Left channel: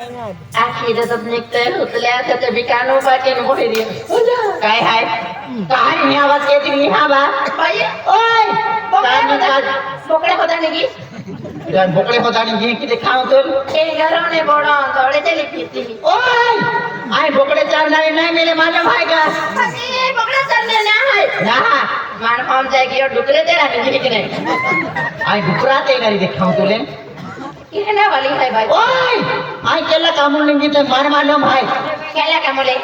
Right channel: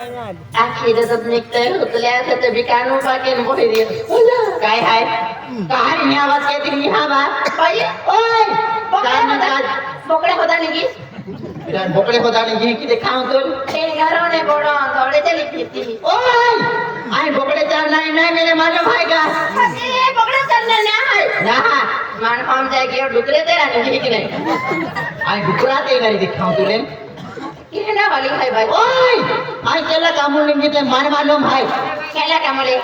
आखिरच निघतंय उचल्या त्याच्या बिकानो बाकी नको फेरी काय हाय काय नाही आवाज येते नाही हा बा बाई ओय बोकडे होता निघी बोकडे होता निघी किती खाऊ तू हे घराने बोडा थोडे चली फिरती ओय आई बोकडे चालणार नाही मेरे मालूम है का अरे बोकडे चालणार नाही ना मान खाऊन जाय की डुकरे ते ना निघी की नाही आई डुकरा ते नाही दिखाऊ तुले कितना वाली है भाई ओए आई केला कामून निंगी ते मार मालूम है केला कामूले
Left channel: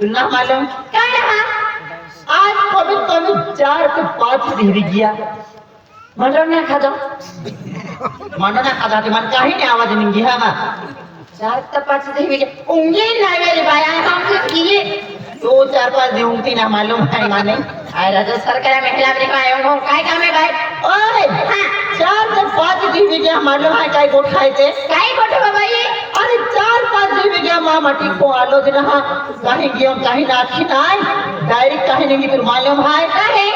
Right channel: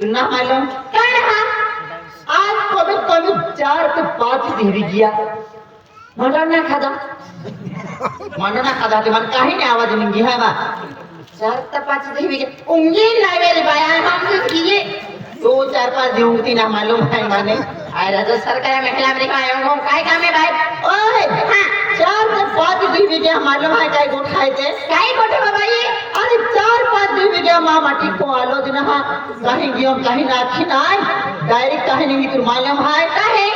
तुना मालूम काय रहा आज कभी 4 से 5 देवी गया मानो ना खादो ते मन काही नाही आवाज निंगी हा बा 4 से 5 देवी गया उंगी नाही वेली बाया हम किए 2-4-5 देवती ना मालूम है माने आय राजा सरकार महिला में आयो काय काम है भाई ओए हां 4 से 5 देवी गया मालूम है काय गोठ खायचे काय गोठ बाबा ये अरे 4-5 देवी गया मां माटी को आलोचना हा काही गियो काही नाखी नाही डायरेक्ट काही नहीं तुम मालूम है काहे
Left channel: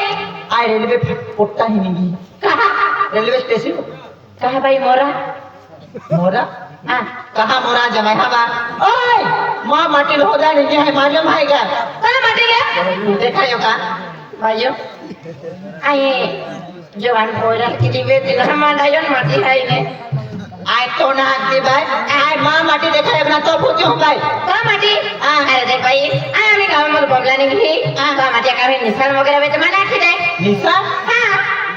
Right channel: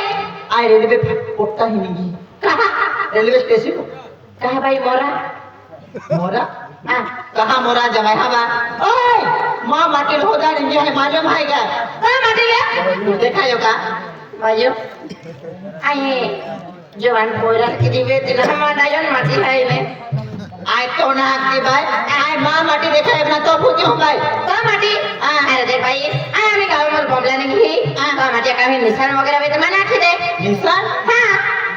आय रेलवे पोट्टा ही नहीं कहां रेलवे स्टेशन कहां भाई मोरा हां कहां मोरा जमाई हवा ओए मां माटी होदा नहीं है मालूम है क्या काय माटी ले देखा यो का भाइयों आए जवान बोला कि दिवे दिन हमारा आयोन माटी है ने आय तो ना के भाई आय मां माटी देखा अपना तो भूखे हो भाई का माटी अरे दे भाई आम्ही गाव मध्ये बोलला नाही मां माटी का निशान वगैरे वेत मना की दे निशान हां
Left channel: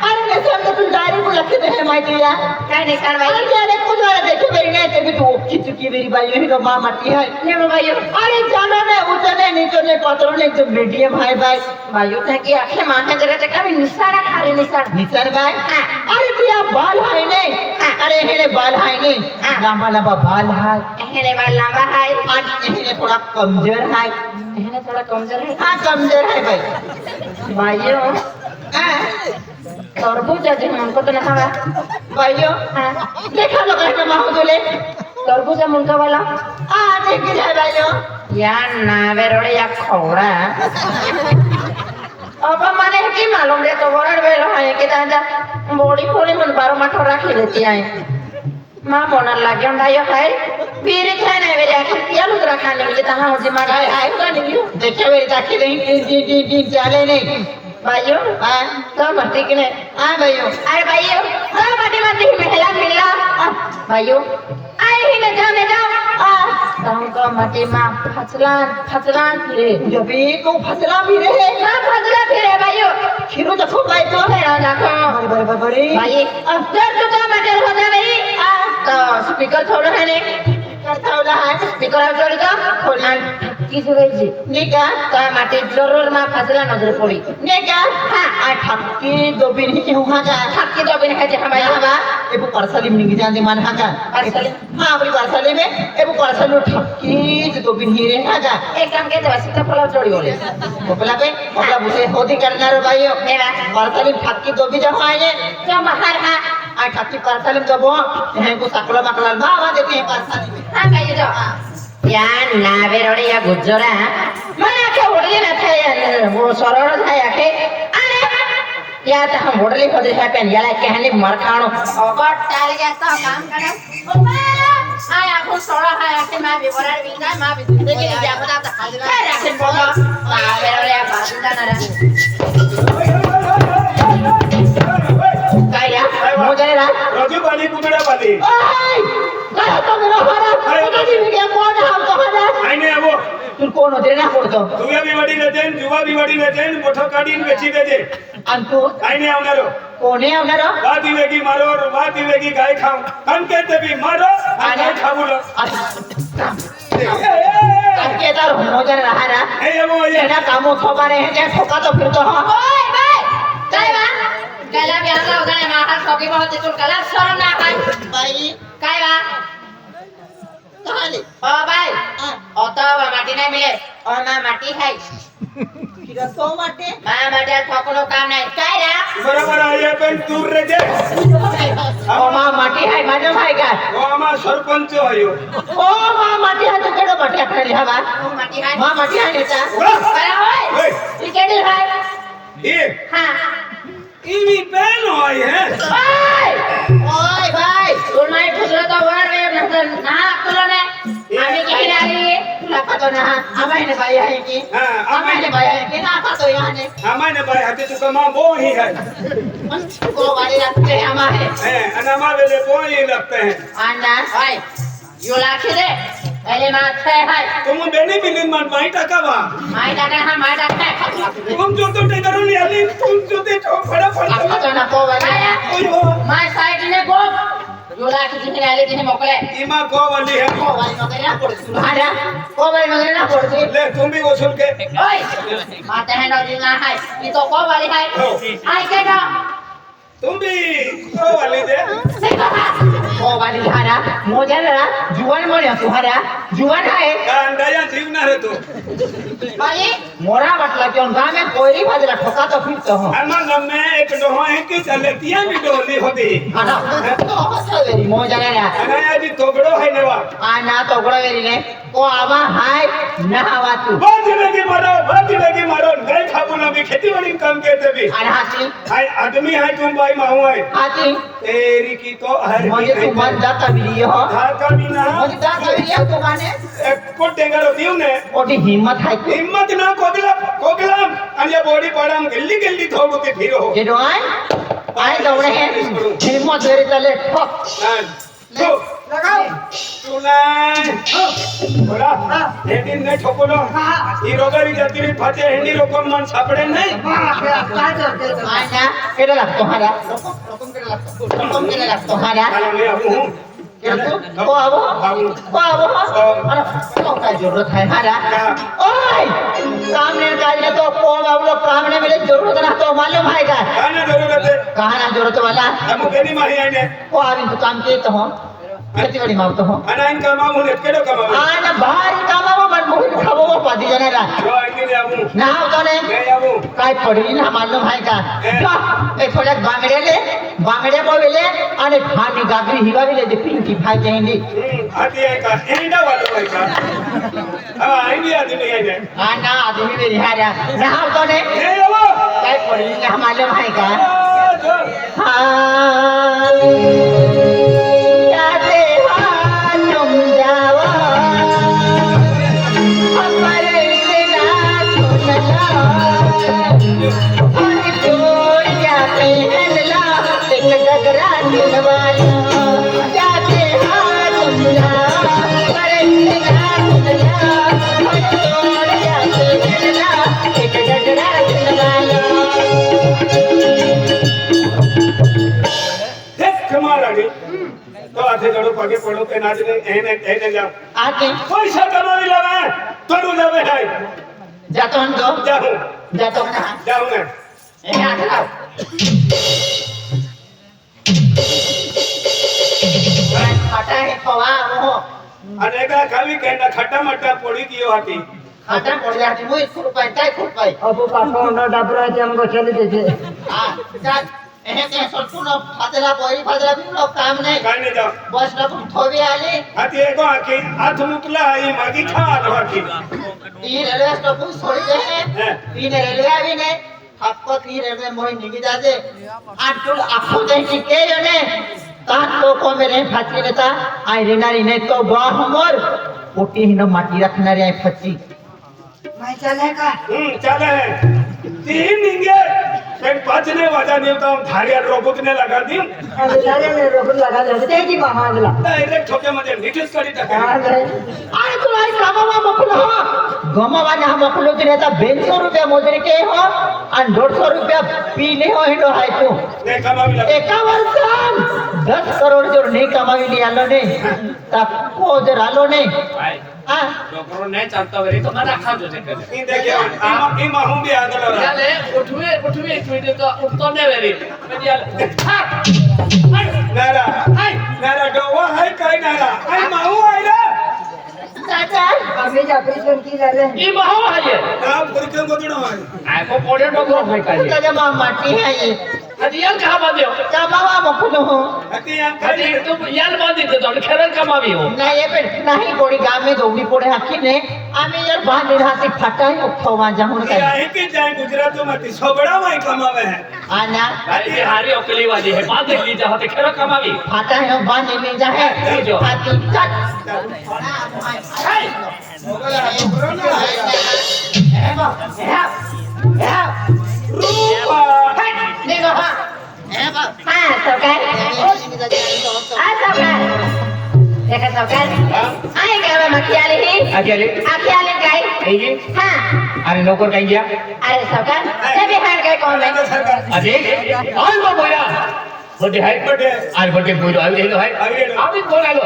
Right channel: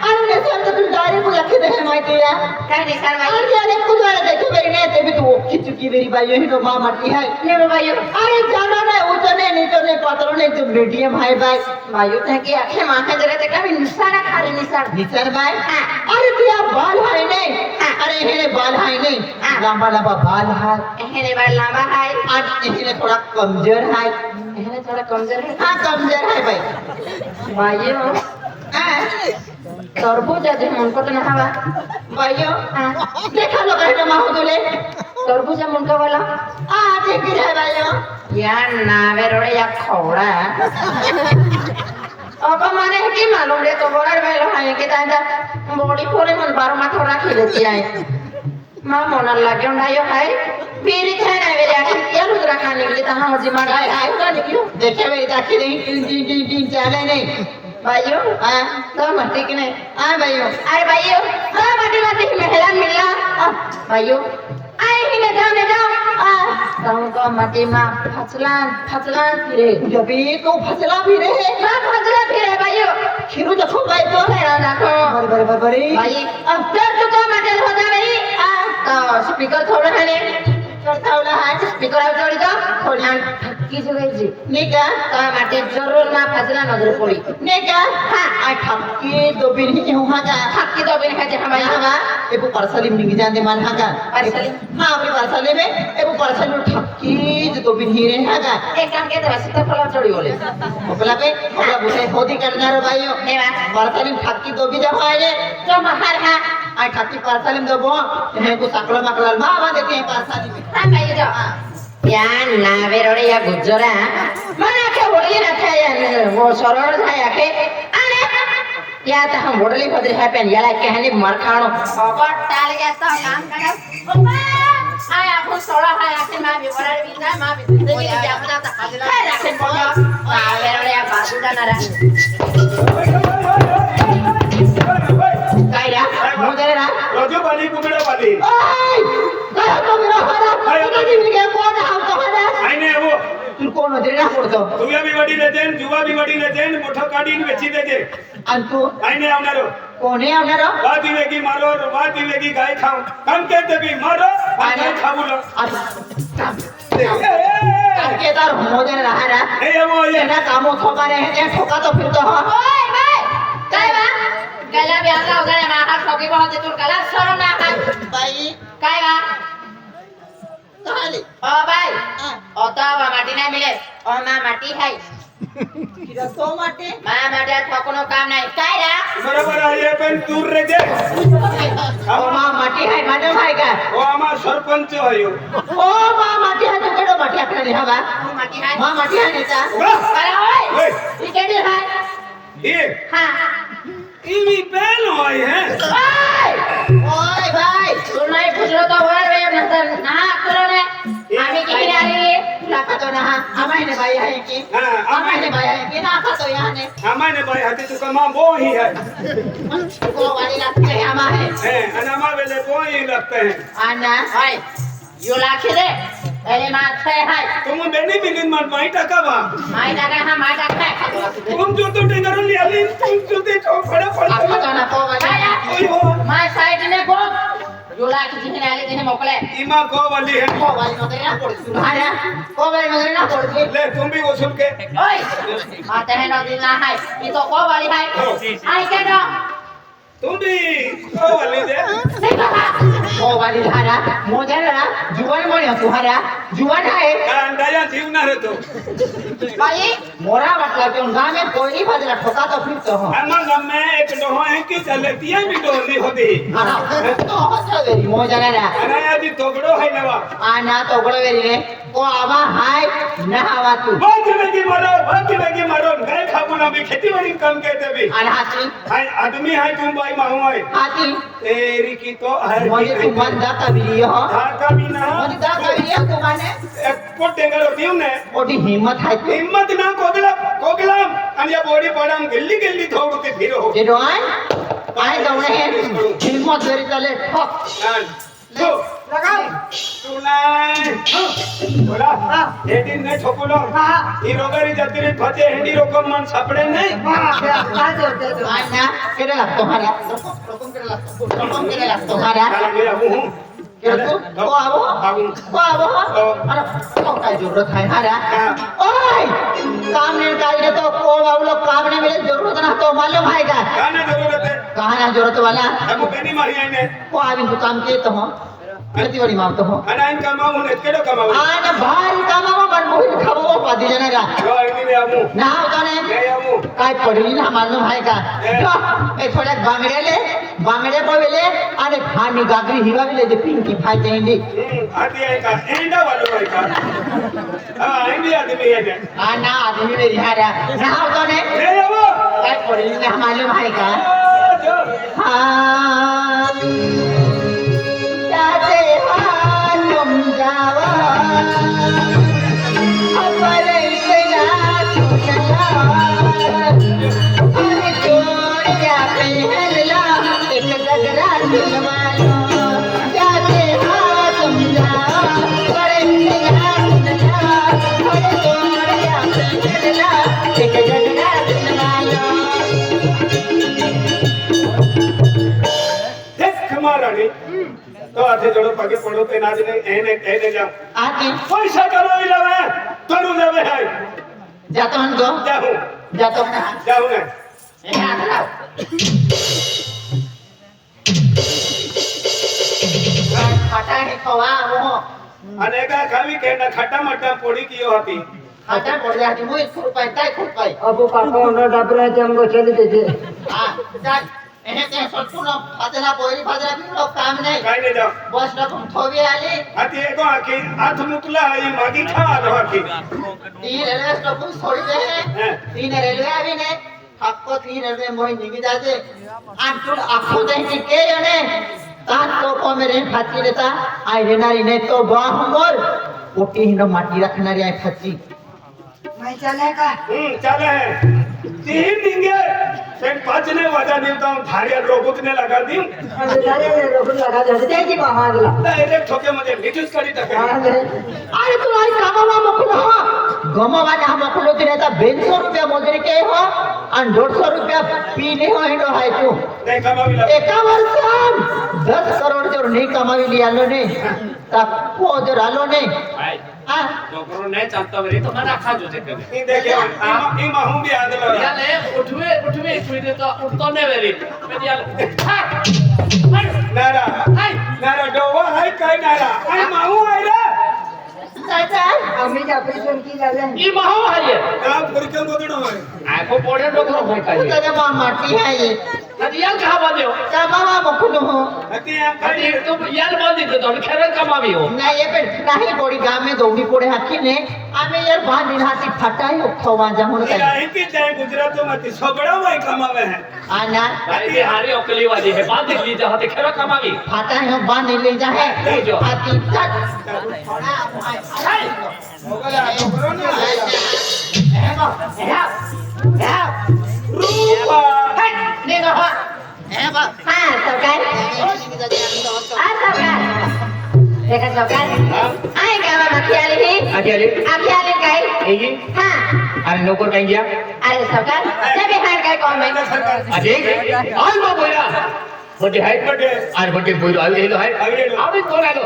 अरे निशान तो तू डायरेक्ट लखे दे माहिती या काय निशान भाई अरे कुछ वाला देखे मेरी नहीं ते भी तू ओकी चुकी मेरी भाई ही तो मां माटी है ले भाई अरे जानो ने उतने नीचे ने पात्र ने एकदम मीडियम है भाई भाइयों ने की आंखें माथे जगह ते का निशान अरे निशान भाई अरे तेरा बाल है नहीं अरे हेने बाल है नहीं लंबा बाल है हेने बाल लंबा है और हेने थोड़ा कमजोर है हां कमजोर है भाई भाइयों तरबूज है हमको तो नहीं हवा भाइयों देखा लो कहना मां तुले तरबूज है मुंगा वाला ठीक है भाइयों यार नावे रोड़े या खोड़ा अब माने की मालूम रे तो बोलर वेलो है के दादा बॉडी खोले मन 12 माठोरा खेलती है मां मोनर लागे डायो है फिर क्या ना वे जाके क्या लुदरा खाने के ता हम जिमा गाय आए का नहीं देखे वे ताकि दिन चले नहीं भाइयों हां तो मत के ने हां भाइयों अरे भाइयों हां मटी मेला मिला भाइयों आए ही ने जाने ना तुमको मटी मां फसलान फिरे जब भी को फसला भी रहे मां फसला फिरे भाइयों खिरो देखो भाई तो मेरा देखो बड़ी भाई अब तक तो मटल होता नहीं तो स्पीकर थोड़ा है ने स्पीकर थोड़ी तो थोड़ा किस जी नहीं का तो माटी जरूर ना फसला नजर पड़ी नहीं का हां आ ठक्की दो बिन ही हुआ का ठक्की दो बिन है जे हमारे हवा ए वो पार्सल में नहीं जाने मान हां पार्सल हां वो पार्सल में ए वो पार्सल ठक्की दो बिन ही रहे हां एक काम के तो सीता फल चोरी होले मोकला बुसे खोदी करना रे भाइयों मेरा पार्सल में ठक्की दो बिन जब आए तो महार हां आ ठक्की पार्सल में दबो है को सकला मकला मामा देते हैं पार्सल हां भाई जो या नावे रोड़े या गुजरा मना के होली ना थे वो सरळ थाया के अरे या त हम होली को देखा पेन याला कहली मरखाणो ओबट टाल गया तो काम करा ओबा आया को सोड़ा है के मैं भी बड़े बिना मैं भी देखी जा बता त खाली रखे बोलो नावे रोड़े या बाजुदा ना काय या मुझे ना रजू बाली कुगड़ा बाली ओए गया तो मेरा हमारा किसी भी के बोल आईने आवो तू कोण होते ना कोणतो तुया बी वडी लेजेन जुवा बी वडी लेजेन मोठो काढीन वेची देजे आणि तू आईने आवनारो कोणी आवनारो वाती वेगी मारो वाती वेगी गाय खाऊ कम कहते भी मारो आणि गाय खाऊलो के तर मोदर राहरा ए आवो ये ना कामो ठोकाने हे ते ठोका तो फिरतो ओय बाय काय बा गला ब्याला वगैरे माहा ठोकी को होते तू कला सर ना काय बाई काय बा कहाली ओ भाई ओ तो माटी नहीं मिले ओ मां माटी है किरा तो माटी मां माटी ठोकनो काम नहीं काय रा बरोबर आहे पण दूर रे जे ओ मां माटी है मैडम है का ओ आमा सरपंच आयो ओ मां माटी है तो केडो माटी आपले हवा माटी है मां माटी है नेता अरे ओय ओय ई केडे है ये हां ईवी पेन होय है ओय भाई तू नाही पुसलं तर वर रे नंतर ना तुला नाही आम्ही किती आली तुला खातो ना आम्हाला बाई आहे की हां आम्हाला बाई आहे की ना खातो याने आमाने बाई हाते तुका मा बो ही है को वाली लागते आम्हाला हैं आणि मा वेले बो ही लगते हैं आना हाय यो लाखे रे पहले माथे हाय तुम बेनी बिलिन मन माई टाका बा माय टाका हा माय टाका खातो लागते तुम जो तो टेंगरून आली तुम जो ते तो फड़ा खातो ना को वाली ओय हो माय साइड ने गो यो लाखे जिने आले तिने मोकले इमा गो वाली है को वाली वगैरे ना पडती हाना को वाली वगैरे ना पडती ले तुम भी वसूल के ओय माते है ना दिना हाय मी तो को वाली हाय आई के ना तुम भी गो वाली दे को वाली हाना मोजे ना जुवान म्हणे तुहारा जुवान आहे अंडाया जीवना रे तो बाई मोरा म्हटला की गामे कोयरी बाजूला ठोका तो फिरतो हो अम्मा गम्मे एक डोहो है कि चलतिया भी डोली होती तो हसवेरी मोजा ना आणि आधी तोगडो है नवा आना तोगडो वेरी रे को आवा हाय ना आवा तू बहुत लगी मारो गए खाबू ना भी खेती वाली काम कहते भी आणि हाती हाय आदमी है तुम भाई माहू है हाती तेरी की तो है म्हणजे तू बंदा कबीरी हो था का भी ना म्हणजे दा कबीरी तू माने को टेंगर दियो ने मोठी हिम्मत आहे तू हिम्मत ना कोगलाम आणि या बॉडी पाडाम गल्ली थोडू ते फिरो जे डोय काय दौडे हे हिम्मत वेरी चले तो लगाओ तू नाही बोला हेडी नाही ठोकलो ही रोगरी जात्री फते हेडी रोकम मन सापडे नाही काय करते आना केला लागतो मारा रोकम केला लागतो मारा मी अबू हूं को काय जरूरत है हमारा ओए सामने काले तो को वालो काम ने मेरे जरूरत ना तो मालूम है का काने जरूरत है कहां ना जरूरत वाला हम कनी मारी आने को आविन तो काम किए तो हो खेती वाली मारतो हो आणि इन कमाऊ ने केडो कमाऊ आना भारी कामावा पण मुली खाबो पादी जने रा जो की दे अबू ना तो ने ले अबू काय पडली ना मालूम है का ए थोडे बांगडे बोले आणि फानी गागरी हिवाविले जे पिंकी फाय चाहिए आती आहे का एंडा वालो आहे का हां आईडी आदमी आहे ने आना आदमी रे हारा ना तो ने ले अबू काय पडली ना मालूम है का जो जाते तुम जावा अपर से ना और छोड़ जा पहला एक गगरा दिलवालो जाते तुम जावा अपर से ना छोड़ जा पहला एक गगरा दिलवालो माराडी तो आथे जड़ो पगे पड़ो ते नाच ने एने जाओ आके पैसा कमाई लगा तोड़ू लगे है जातो हम तो जातो ना जाऊं ना ए हाथ लाओ खटा है खवा वो अनेका खावी कहना खट्टा मट्टा पोड़ी कियो होती खटा पड़ जाती मुई खूब पाई अबो काका ना डबरा के हमको चले दे हां जा एहे के सटकुन फातला बोरी फातला भी लोग काम नहीं काय ने जाओ बस ना तुम थोबी आले हाथी एको आखी हाथ मुतला है मागी खा आखी तीन रेलवे स्टॉप छोड़ी दे हैं तीन रेलवे आवी ने आपको तीन रेलवे मोही निगी जाते आटुल आखो दे के जने तान तो को मेरे फाची लेता आई रेनारी नहीं तो गॉड हमर ओटी हिनो माटी रखनारी आई फची मैं चले का चले है तीन निंगे फिर पांच ने वादा देता हूं धारिया रोकुतने लगा दी अरे सारे ने रोड लगा दे ते की बामागला डायरेक्ट ठोके मध्ये नीटच करी टाका अरे तुम्हारी कामावा मोकलो हो गमावाने हम मोकलो तिने ता 200 रुपया मोजरे के हो आणि 150 रुपया पीने हो हिडो हाय तू नाही कमावी लागली एका वर्षात 10 करोड जोर नाही कमाविली आलो ने ता को जोर आलो ने भाई हां डोकरो नहीं चलता वेरी तो मना खा जो देखे ઈ દેખે ઈ માહું બી આગળ રહે याले उठवे ट्वीट तो उठतो नहीं वेरी मैं याले નારા નારા ડોવા હાય કાઈ નારા આઈ માહું આઈ રે दादा आम्ही ऑपरेशन की झाले ई बहु है ये નામ ફરક્યો ગદડો હોય आको पोड़े डोकरो भाई तू पाजी तेरे मां माटी है ये हदियाल कहां बांधे हो कमावा मोकलो हो હતી આમ हदी કાઈ तुम याल बांधी के तो खेरन कमावी हो नाही ये पण नाही पोडी गाव में दोघी पोडे हाकी ने आम्ही यार बांधी राहते फटाई उठवा जाऊं ये आहे की जाए गुजरात मध्ये सोबडा माई कमावे है आना भाई हारी अकली वाली है बात ली जा होते खरा कमावी फटाई हम बांधी ले जा है ले जाओ। ताकि तक रूपा हाँ सौकर देखा सौकर आई गावा मखियाली ही अकेले अखियाली काय ऐगी हाँ अरे लवकर काही घ्या अरे सौकर जब खान काय कौन है अरे ऑल नो बोला बर्थडे है बर्थडे आज बर्थडे बोलो आवी देलो है आवी अभी कोण आलो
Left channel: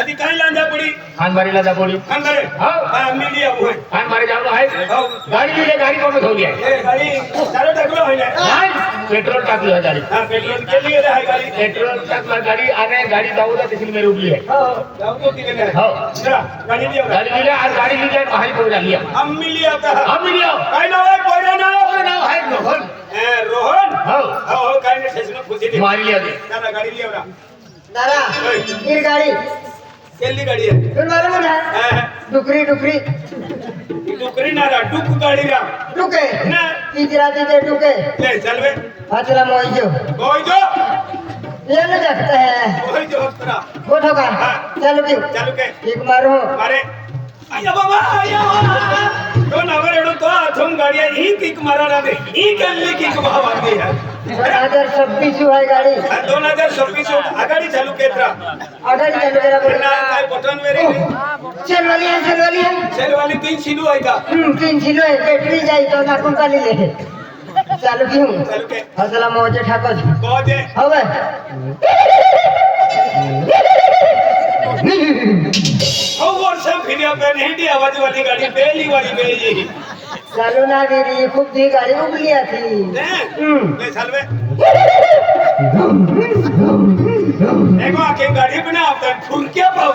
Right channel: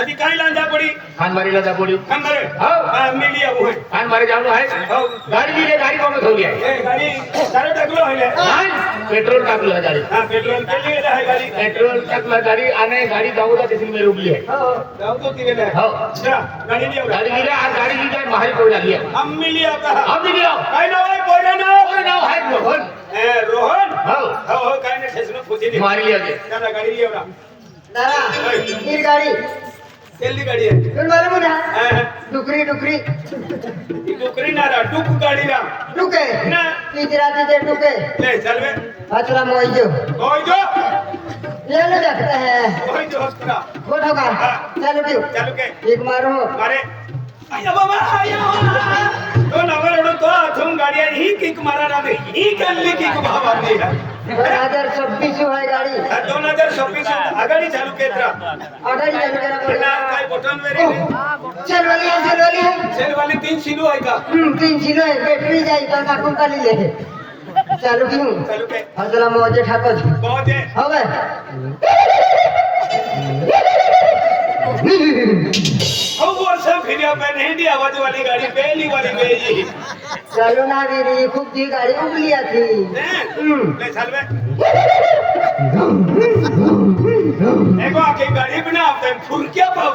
आधी काय लांजा पडी खान मारीला जा बोली खंडरे हाँ। हां मी लिया वो है खान मारे जानो है हो गाड़ी लीजिए गाड़ी कौन हो गया ये गाड़ी चारों टकलो है ने हाँ, पेट्रोल टाक लो गाड़ी हां पेट्रोल के लिए है गाड़ी पेट्रोल टाक मार गाड़ी आने गाड़ी जाऊंगा तिसली में रुकली है जाओ तो किने है हो चला गाड़ी लिया गाड़ी लीजिए आज गाड़ी ली जाए बाहर कोई डाल लिया अम्मी लिया था हम भी लिया काय नाव आहे पोयरा नाव और नाव है रोहन ए रोहन हो हो काय ने ठेसने पूछी दे मार लिया दे चला गाड़ी लिया ना दादा ओए ही गाडी केली गाड़ी है तुम मारो ना हां डुकरी डुकरी डुकरी ना डुक गाड़ी ना डुके ना तीज राती ते डुके ले चल बे हाथला मोइजो ओए जो ले ले देखते हैं ओए जो हस्तरा फोटो का चल क्यों चालू के एक मारो अरे आया बाबा आया तो नवर एडो तो अथून गाड़ी ही किक मारा ना दे ही कल्ली किक भावली है 2026 हुआ गाडी 2026 आगाडी चालू केत्रा आगाडी चालू करा ना काय बटन वेरी चलवाली सेल वाली 3 सिलू है का 3 किलो है बैटरी जाई तो टाकून काढली ले चालू क्यों चालू के हाथला मोजे ठाकज कोजे हवे ओ वर्ष फिर आप नहीं दी आवाज वाली गाड़ी पहली वाली गई चालू ना गिरी खूब दी गाडी उगली थी ले चल बे एगो आके गाड़ी बना आप फुरकिया पाओ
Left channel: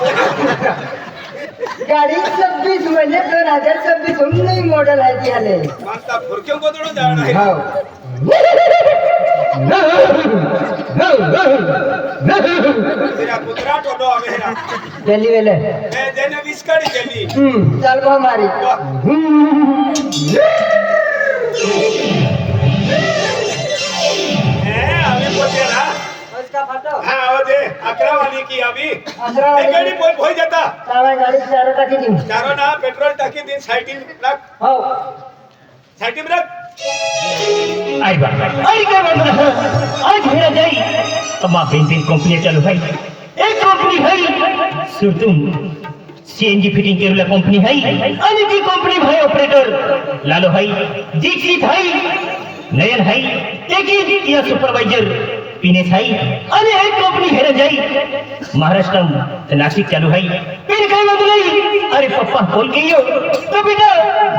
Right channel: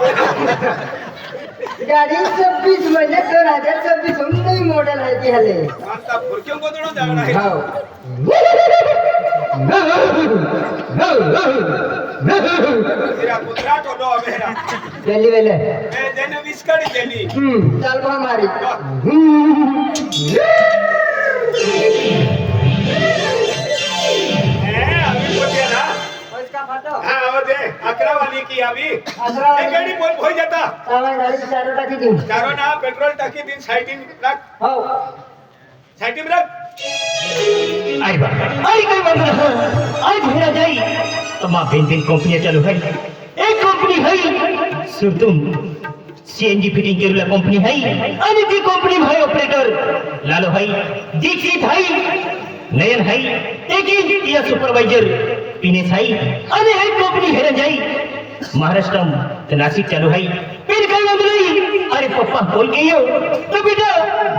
गाडी 26 म्हणजे 2026 नवी मॉडेल आहे ती हले मानता फुरकियों को तो जाना है तेरा कुतरा तो दो मेरा गेली वेले मैं देने बिस्कट देनी चाल बा मारी अभी बोलते ना उसका फोटो हाँ वो दे 11 वाली की अभी 11 वाली एक गाड़ी बोल हो जाता तावा गाडी चार टाकी दी चारों ना पेट्रोल टाकी दिन साइटिंग रख हो साइटिंग रख आई बा आई काय बात आज हेरा जाई अम्मा पेंटिंग कंपनी चालू है एक कंपनी है सुरतुम सीएनजी फिटिंग केरुला कंपनी है आणि ती कंपनी भाई ऑपरेटर लालो भाई दीक्षित है नयन है एक या सुपरवाइजर पिनेश है आणि एक कंपनी हेरा जाई महाराष्ट्र नासिक चालू है फिर काय बात नहीं अरे पप्पा बोल के यो तो बेटा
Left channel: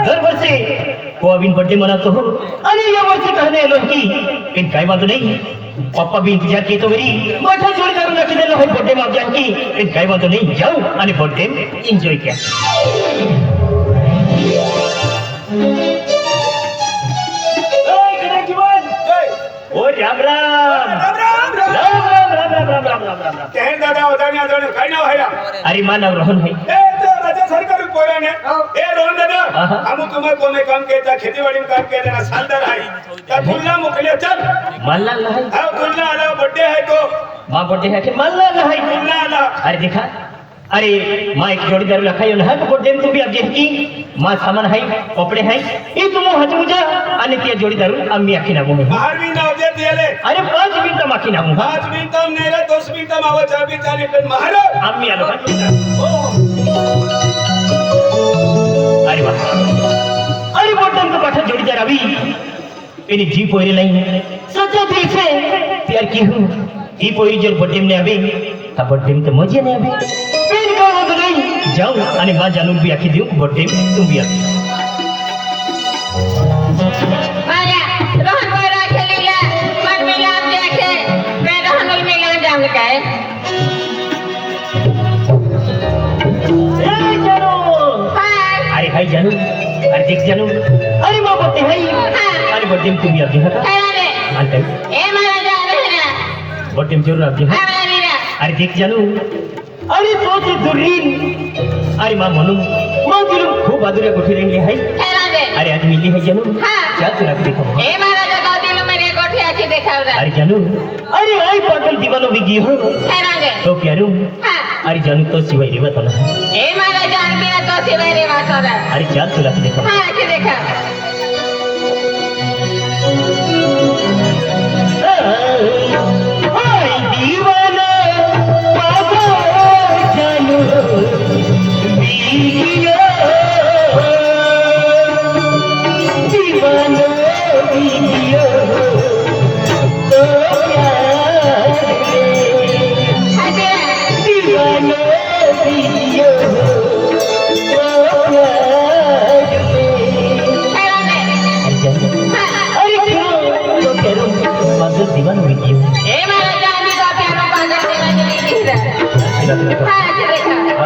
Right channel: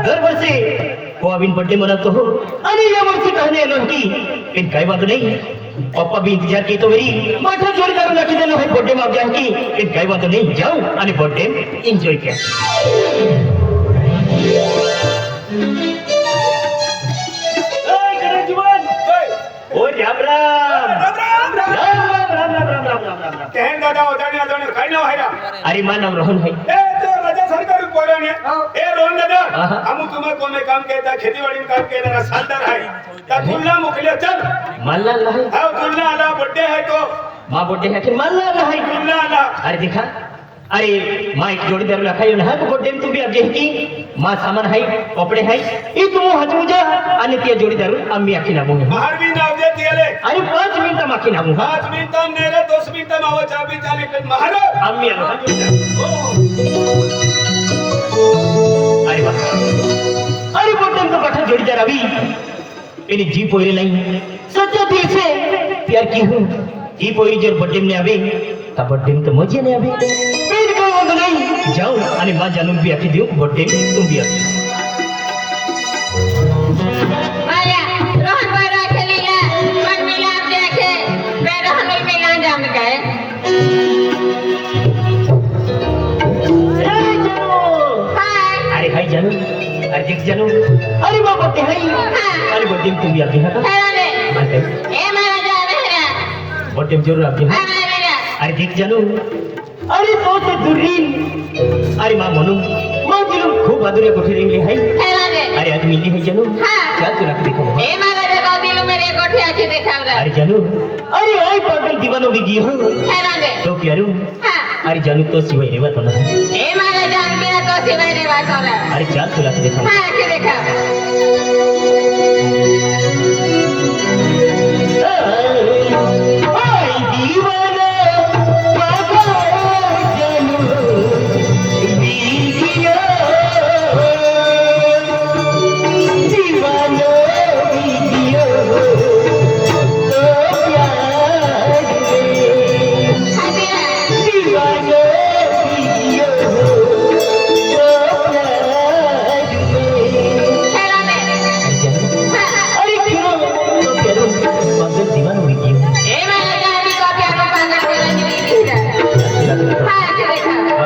दर वर्षे कोविन बर्थडे मनातो हो आणि या वर्षी कहने आलो की फिर काय बात नहीं पप्पा भी इंतजार की तो मेरी माथा जोर करून नाची देलो है बर्थडे मार जान की फिर काय बात नहीं जाओ आणि बर्थडे एन्जॉय किया ओय कडा जीवन ओ राम राम राम राम राम राम कहन दादा उदाने आदाने काय नाव आहे अरे मा नाव रोहन है ए तो राजा सरकार बोले ने ए रोहन दादा आहा। हम तुम्हें कोने काम केता खेतीवाडी में काम केलेला सालदार आहे ता तुलना मोकले चल मानला नाही हा तुलना आला बर्थडे है तो माँ बर्थडे है कि मानला नाही तुलना आला अरे देखा अरे माँ एक जोड़ीदार रखाई ना तो बर्थडे में भी आप देखी माँ सामान है कपड़े है ये तुम हजमुजा आणि त्या जोडीदार आम्ही आखी नामू बाहर भी नाव दे दिले अरे 5 मिनिट माखी नामू 5 मिनिटं नाही रे 2 मिनिटं माव 4 मिनिटं पण महारो आम्ही आलो अरे वा अरे बर्थडे तो पाठा जोडीदार अभी मेरी जी पोरी नहीं सच्चा दिल से प्यार की हूँ जी पोरी जब बर्थडे में आवे तब बर्थडे में तो मजे नहीं आवे फिर का बात नहीं जाओ आणि माँ जानू भी आखी दियो बर्थडे में तुम भी आखी माया रोहन मारा खेलीला मन मिला देखे मैं रोहन मिला जान गए ए जानू हाय अरे हाय जानू अरे देख जानू अरे माँ बर्थडे है अरे बर्थडे में तुम भी आखी हाँ अरे मानते ए मारा जा रहना बर्थडे में जरूर आखी हाँ हमारी अरे देख जानू अरे सोच दुरीन अरे माँ म्हणून माँ जिलूम खूप मधुरा कोठी रही है अरे आज मिली है जानू चल तू रख देखो ए महाराजा को दिल मेरे कोठी आके देखावला अरे जानू अरे आई टोटल दीवानो बिगी हो राजे तो क्या रू अरे जानू तो सिवाय रे बात ना ए महाराजा मेरा तो सिवाय रे बात हो रहा अरे चल तू रख देखो हां के देखा आई दीवाना पागल जानू बिगिया दीवाना बिगिया तो प्यार अरे दीवाना बिगिया तो प्यार अरे क्यों तो करूं पागल दीवाना बिगिया ए महाराजा अभी को क्या पागल दीवानी नहीं दिख रहा हां के देखा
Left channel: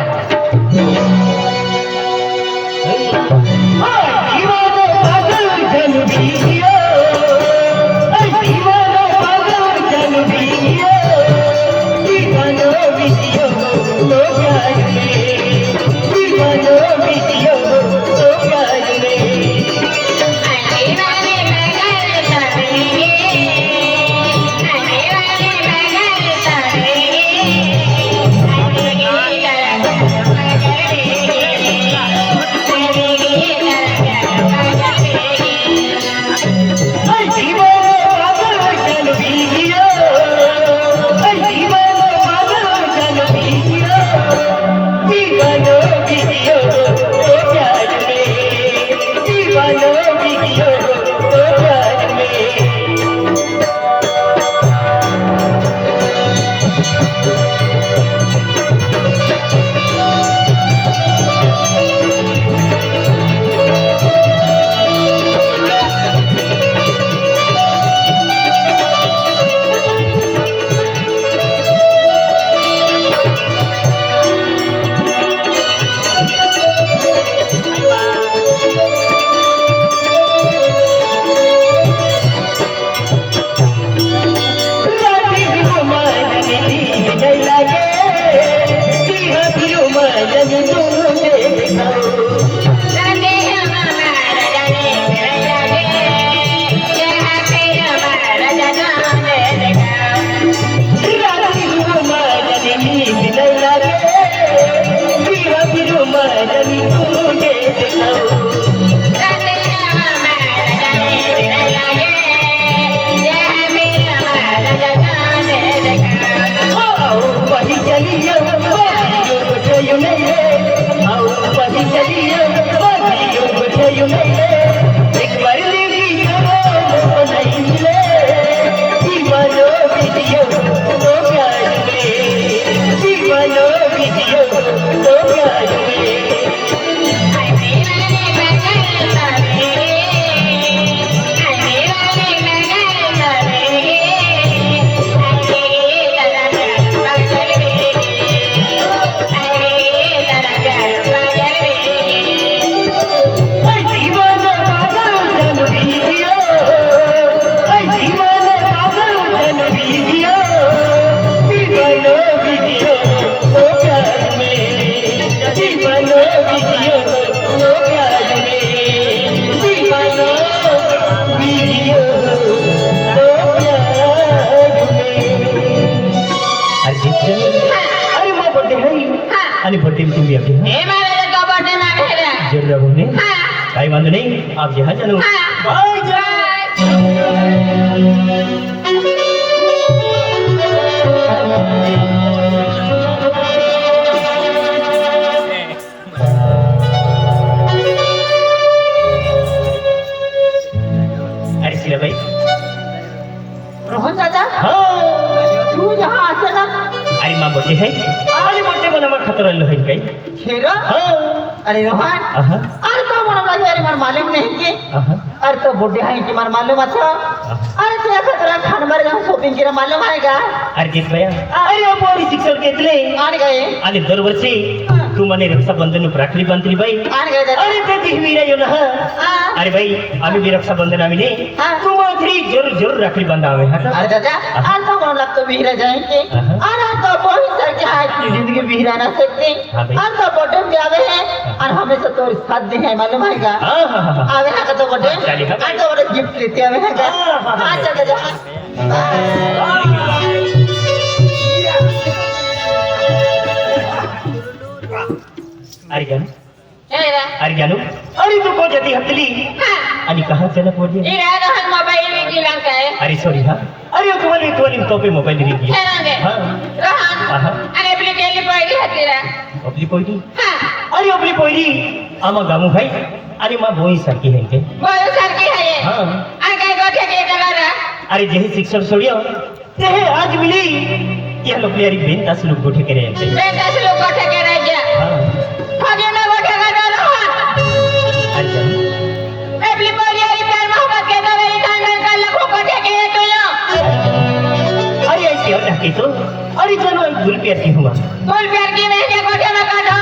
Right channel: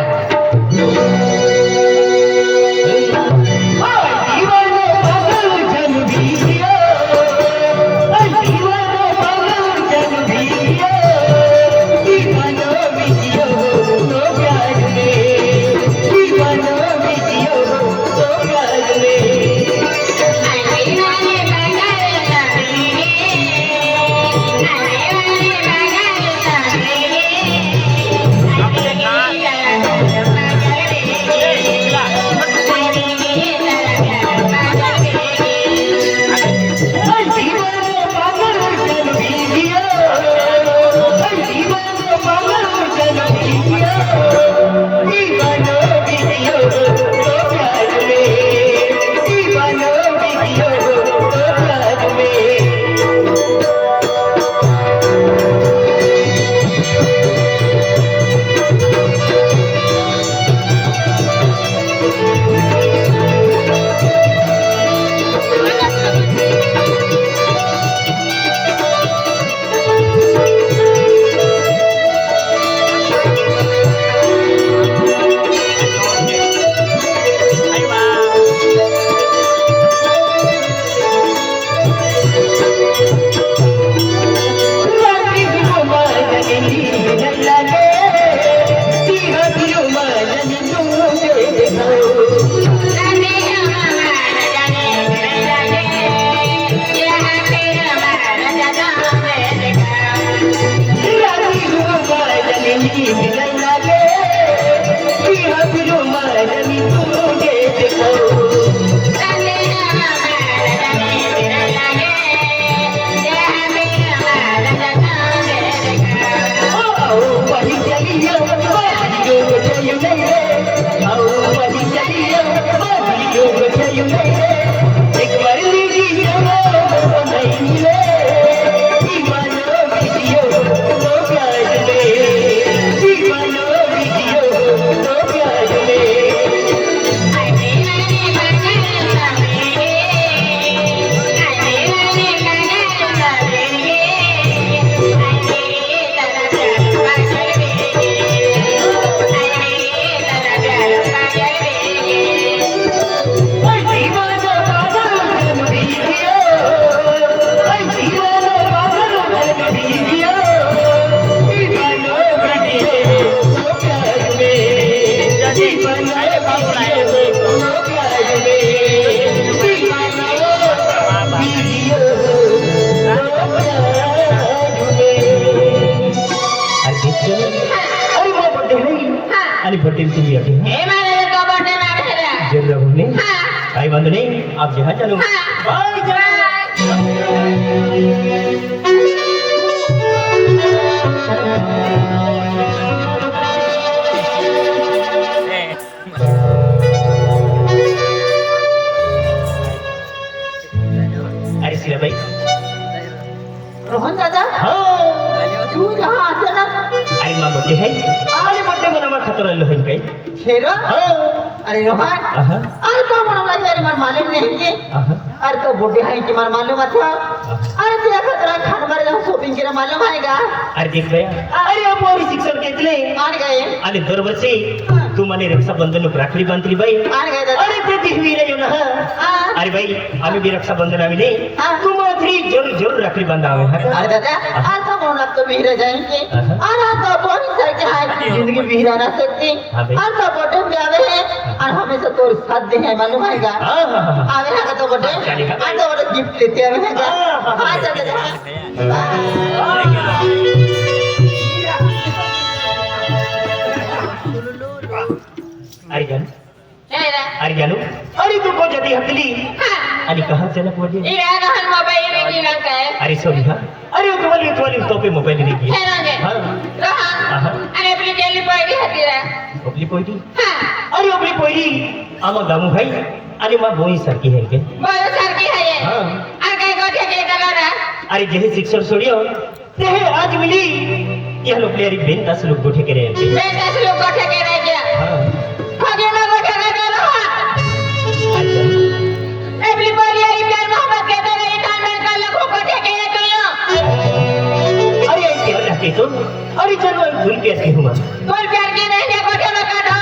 आणि भट्टी तुम्ही अभी ए महाराजा को बटन आ गया जेब रहोगे हां काही वांध नाही आप जहाँ चलो बाय अरे शिला भाई रोहन दादा हाँ तू यहाँ आते ना अरे माँ बच्चे है अरे बच्चे बना मैं खतरा लो है कहीं शेरो हाँ अरे रोहन आहा अरे तो मनोबा यार मार मालूम नहीं कि आहा अरे तो बुढ़े हैं कि मार मालूम अच्छा अरे तो ऐसा तरह खान बार जब शॉपिंग के मालूम आएगा अरे देख भैया अरे आप और शिक्षक घेतले मान गए आणि दरवर्षी तू मने रक्षाबंधन राखली बांधली बाई मान गए दादा अरे ते दिहवी रे ना हाँ। अरे भाई आम्ही बी रक्षाबंधन आम्ही नाही हाँ। तू मात्री जरूर जरूर राखली बांधावे हा अरे दादा आज तो कौन लगता भी रह जाएंगे आहा। और आप तो बहुत तरह के आज की जिंदगी भी रह ना सकते हाँ भाई। आज तो बटन भी आवे हैं और हमेशा तोर साथ दे है मालूम है का हाँ हाँ हाँ आवे ना का तो बटे चलिए, हाँ। आ तो बड़े गिफ्ट लेते आवे ना का हाँ, हाँ। आ चल जा अरे जानू हे रे अरे जानू अरे तू को जदी हकली आणि कहाँ से ना पड़ी ई रे हात मोबाईल विकली ना काय अरे सॉरी हाँ अरे तुम्हारी तो पे मोबाईल दी हे रे हाँ रोहन आहा. आणि आपली केली पडली होती रे आपली पोयरी हा अरे आपली पोयरी आमा गामू भाई आणि मा बोई सारखी है के बोल सारखी आहे हाँ आणि काय गोठे केले करा अरे जेही शिक्षण सोडियो ते आज मिली यह लोग प्यारी बेन 10 लोग गोठे करे हैं मैं 10 लोग गोठे करायच्या हाँ फगी ना गोठे करा रोहन अरे जानू आपली पडली आणि प्यार मोहब्बत के तर ई कांडन का लखो गोठे केले तो अरे आई क्या रखे तो अरे चलो एक भूल प्यार की हुआ बोल प्यार की नहीं ने गोठे में काढो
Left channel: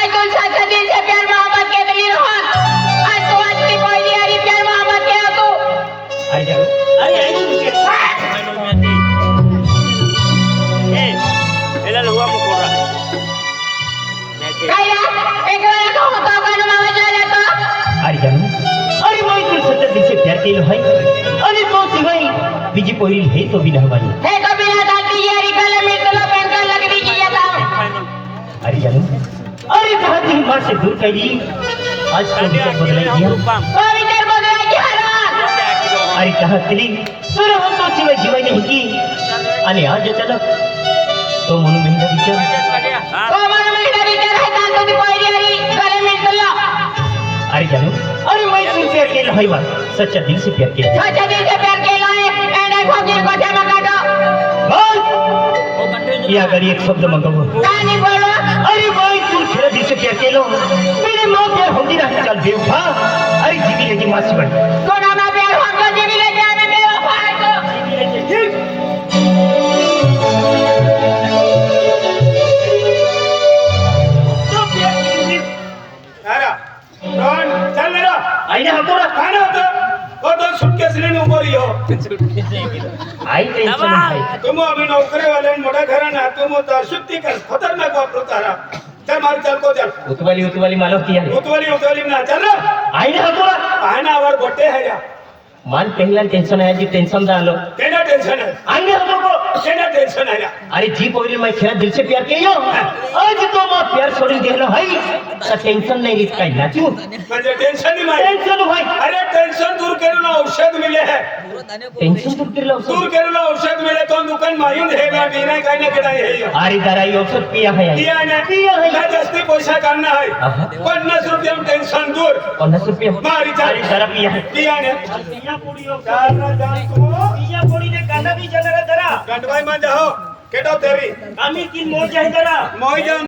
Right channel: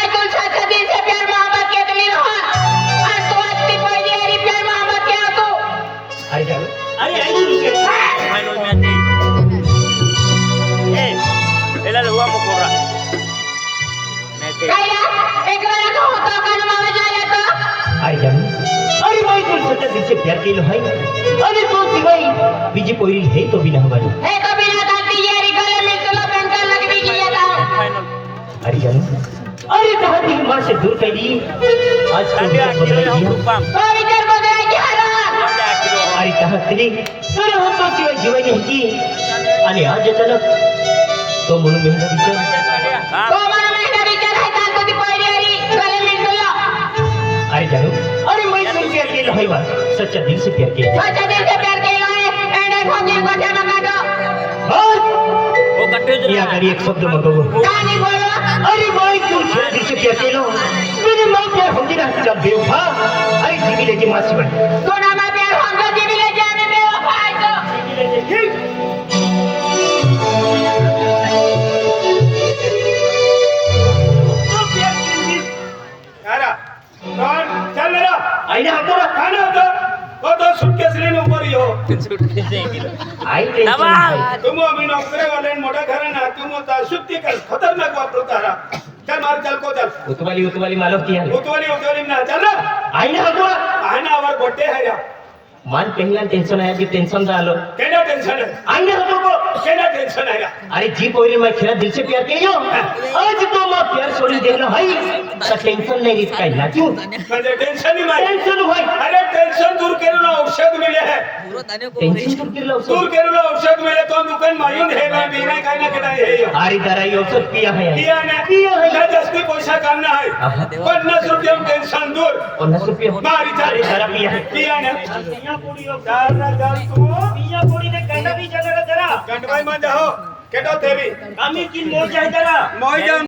आज तुम साथ दिन से प्यार मोहब्बत के तली रोहन आज तो आज की पडली आणि प्यार मोहब्बत के तू अरे जानू अरे आई तू के काय रे एक वेळा तो होता का मामा जाने तो अरे जानू अरे मैं तुम सच्चा दिल से प्यार केलो है अरे तो सिवाय बीजी पोरी है तो भी रहवानी हे कबीला दाती यारी कल मिलतलो बनका लगवी की येता अरे जानू अरे कहा थी मां से दूर कर दी आज तो विचार बदल दिया तो विचार बदलाय की हरा अरे कहा तरी तर हम तो सिवाय जीवानी होती आणि आज अचानक तो म्हणून मेहनत विचार तो मला महिना विचार आहे कांतो ती पडली आणि कल मिलतलो अरे जानू अरे मैं तुमसे अकेला है बा सच्चा दिल से प्यार किया सच्चा दिल से प्यार केला आहे एंड फगी गोठे में काढो बस या करी एक शब्द मत बोल काय नाही बोलवा अरे भाई तू खेला दिल से प्यार केलो मेरी मां प्यार होती ना चल बेवफा अरे जीवी लेके मां से भाई कोणा मा प्यार होंगा जीवी ले जाने में वफा है तो अरे रोहन चल रे आई ने हम तो काय ना होतं तो सुटकेस लेने ऊपर ही हो आई टेंशन है तुम अभी नौकरी वाले मोटा घराना तुम तो सुट्टी कर खतरनाक वापरू तारा चल मार चल को चल उतवाली मालूम किया है उतवाली ना चल रे आई ने हम तो पाहना वर गोटे है या मान पहला टेंशन है जी टेंशन डालो केना टेंशन है आई ने हम को केना टेंशन है या अरे जी पोरी मैं खेला दिल से प्यार कियो आज तो मैं प्यार छोड़ देलो है टेंशन नहीं इसका ना क्यों म्हणजे टेंशन नहीं मारी टेंशन भाई अरे टेंशन दूर करूना औषध मिले है टेंशन दूर कर लो दूर करूना औषध मिले तो दुकान मायून है का बिना काही ना केडा है यो अरे दराई औषध पिया है किया ना पिया है काय जास्ती पैसा काढना है आहा. 50 रुपया में टेंशन दूर 50 रुपया मारी अरे जरा पिया है किया ना चार ना चार तुम गंडवाई मा जाओ केटो तेरी आम्ही तीन मोज आहे जरा मोई जाऊन